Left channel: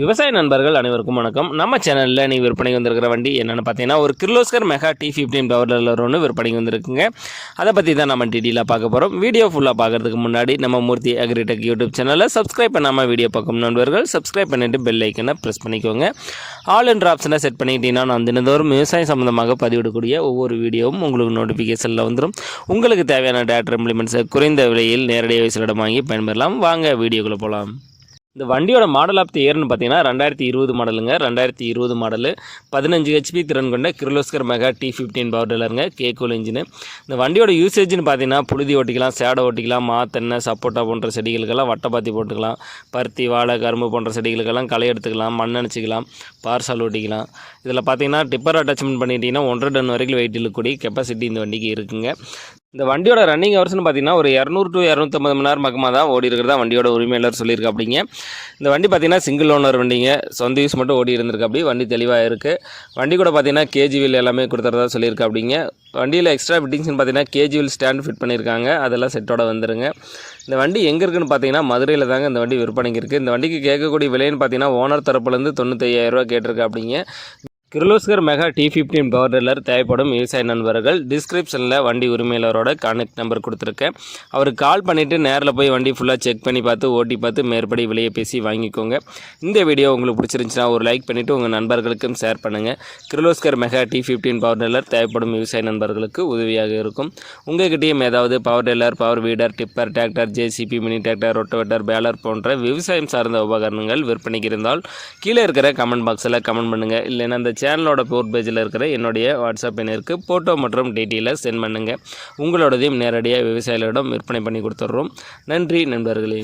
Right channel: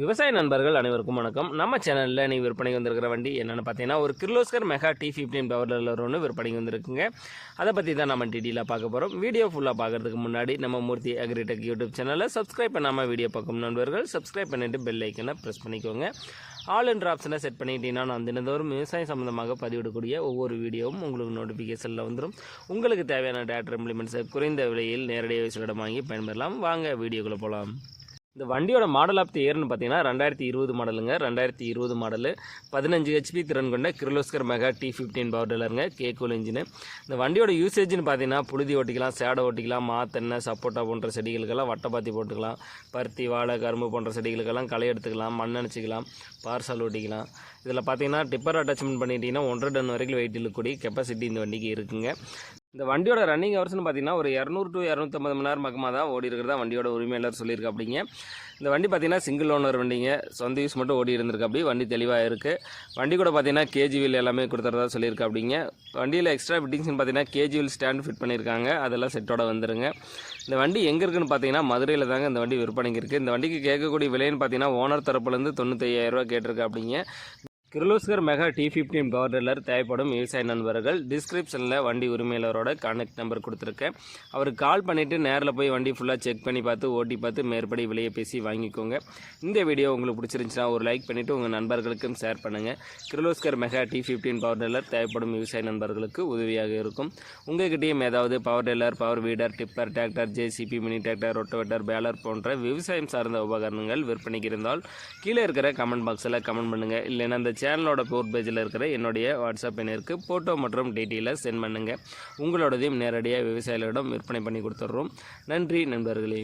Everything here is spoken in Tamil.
விவசாய நண்பர்கள் அனைவருக்கும் வணக்கம். நம்ம சேனலில் நீ விற்பனைக்கு வந்திருக்கிற வண்டி என்னென்னு பார்த்தீங்கன்னா ஒரு Kirloskar mega T fifteen power ஒன்று விற்பனைக்கு வந்திருக்குங்க. அதை பற்றி தான் நம்ம டீட்டெயிலாக பார்க்க போகிறோம் வீடியோ ஃபுல்லாக பார்க்கறதுக்கு முன்னாடி நம்ம மூர்த்தி அக்ரிடெக் யூடியூப் சேனலை சப்ஸ்கிரைப் பண்ணாமல் வீடியோ பார்க்கும் நண்பர்கள் சப்ஸ்கிரைப் பண்ணிவிட்டு பெல் ஐக்கனை ப்ரெஸ் பண்ணிக்கோங்க. ஆல் என்ற ஆப்ஷனை செட் பண்ணிக்கிட்டீங்கன்னா நான் தினந்தோறும் விவசாயம் சம்மந்தமாக பதிவிடக்கூடிய ஒவ்வொரு வீடியோவும் உங்களுக்கு நோட்டிஃபிகேஷனில் வந்துடும் உங்களுக்கு தேவையான டேட்டா இம்ப்ளிமெண்ட்ஸை குறைந்த விலையில் நேரடியாக விசிலிடம் வாங்கி பயன்பெறலாம். வாங்க வீடியோக்குள்ளே போகலாம் இந்த வண்டியோட மாடல் ஆஃப் தி இயர்னு பார்த்தீங்கன்னா ரெண்டாயிரத்தி இருபது மாடலுங்க ரெண்டாயிரத்தி இருபது மாடலு பதினஞ்சு ஹெச்பி திறன் கொண்ட கிர்லோஸ்கர் மெகா டி ஃபிஃப்டீன் பவர்டலருங்க கேக்கோல் இன்ஜினு இந்த வண்டியோட யூசேஜ்னு பார்த்தீங்கன்னா புழுதி ஓட்டிக்கலாம் சேடை ஓட்டிக்கலாம் மா சப்போட்டா போன்ற செடிகளுக்கெல்லாம் வட்டப்பாத்தி போட்டுக்கலாம். பருத்தி வாழை கரும்பு போன்ற செடிகளுக்கெல்லாம் களை எடுத்துக்கலாம் மண் அணைச்சிக்கலாம் பார்சல் ஓட்டிக்கலாம். இதில் பார்த்தீங்கன்னா டிப்பர் அட்டாச்மெண்ட் பண்ணிட்டீங்கன்னா ஒன்றரை டன் வரைக்கும் வெயிட் இழுக்கக்கூடிய கெப்பாசிட்டி இந்த வண்டிக்கு இருக்குங்க. இந்த வண்டியோட ரன்னிங் ஹவர்ஸ்னு பார்த்தீங்கன்னா ஒரு இரநூறு டு இரநூத்தம்பது மணி நேரம் பக்கமாக தான் ஓடி இருக்கிறதா வண்டியோட உரிமையாளர் சொல்லியிருக்கு அப்படிங்க. இந்த வண்டி பார்த்தீங்கன்னா சிங்கிள் ஓனர் வண்டிங்க. சொந்த யூஸ் மட்டும் ஓடி இருந்திருக்கு அப்படி. வண்டி தெளிவாக இருக்குது வண்டி கூட பார்த்தீங்கன்னா கேஜி வீல் எல்லாமே கொடுத்துறதா சொல்லியிருக்கு அப்படிங்க. வண்டியில் எக்ஸ்ட்ரா ஃபிட்டிங்ஸ்னு பார்த்தீங்கன்னா கேஜி வீல் ஸ்டாண்ட் ஃபிட் பண்ணியிருக்காங்க. அதெல்லாம் செட்டோட வந்துருங்க. இந்த வண்டி எங்கே இருக்குன்னு பார்த்தீங்கன்னா மதுரையில் தாங்க இந்த வண்டி விற்பனைக்கு இருக்குது இந்த வண்டிக்கு கேட்கக்கூடிய விலைன்னு பார்த்தீங்கன்னா ஓனர் தரப்புலேருந்து தொண்ணூத்தையாயிரரூவா கேட்டிருக்கு அப்படிங்க. Kirloskar mega T fifteen power tiller தேவைப்படும் விவசாய நண்பர்கள். டிஸ்கிரிப்ஷனில் வண்டி உரிமையாளரோட கான்டாக்ட் நம்பர் கொடுத்துருக்கேன். அவருக்கு கால் பண்ணிவிட்டு நேரில் போய் வண்டி ஃபுல்லாக செக் பண்ணி பார்த்து ஓட்டி பார்த்து மேற்படி விலையை பேசி வாங்கிக்கோங்க. இந்த வீடியோ உங்களுக்கு பிடிச்சிருந்துச்சுன்னா ஒரு லைக் பண்ணிவிட்டு உங்கள் நண்பர்களுக்கும் ஷேர் பண்ணுங்கள் Kirloskar mega T fifteen power tiller தேவைப்படும் விவசாய நண்பர்களுக்கு உதவியாக இருக்கும். உங்கள்கிட்டயும் ஏதாவது power tiller power weeder tipper tractor JCB mini tractor rotavator baler போன்ற விவசாயம் சார்ந்த உபகரணங்கள் விற்பனைக்கு இருந்தால் கீழே இருக்கிற கமெண்ட் பாக்ஸில் கமெண்ட் பண்ணுங்கள் இல்லைன்னா அந்த சேனலோட போர் பேஜில் இருக்கிற என்னுடைய வாட்ஸ்அப் எண்ணிற்கு ஃபோட்டோ மற்றும் டீட்டெயிலை சென்ட் பண்ணுங்கள் உங்களோடதையும் நேரடியாக விவசாயிகளிடம் விற்பனை பண்ணி கொடுத்துட்றோம். நன்றி நண்பர்களே.